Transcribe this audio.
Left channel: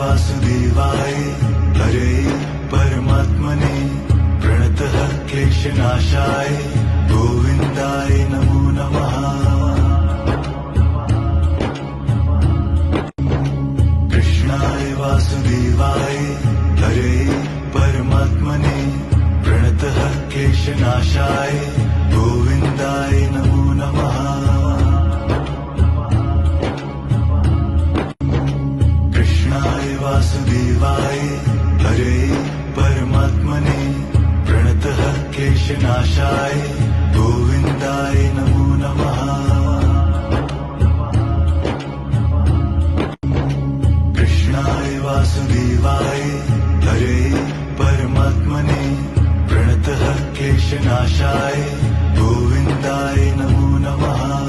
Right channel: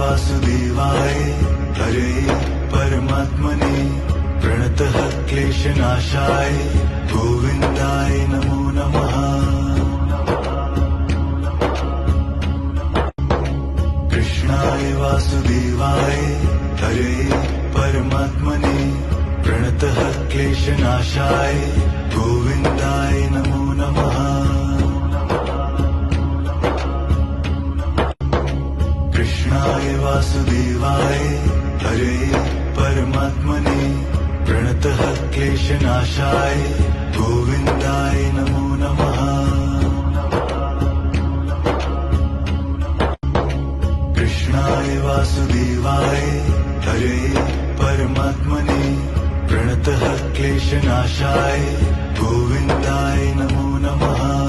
वासुदेवाय हरे परमात्मने प्रणतः क्लेशनाशाय गोविन्दाय नमो नमः। कृष्णाय वासुदेवाय हरे परमात्मने प्रणतः क्लेशनाशाय गोविन्दाय नमो नमः। कृष्णाय वासुदेवाय हरे परमात्मने प्रणतः क्लेशनाशाय गोविन्दाय नमो नमः। कृष्णाय वासुदेवाय हरे परमात्मने प्रणतः क्लेशनाशाय गोविन्दाय नमो नमः।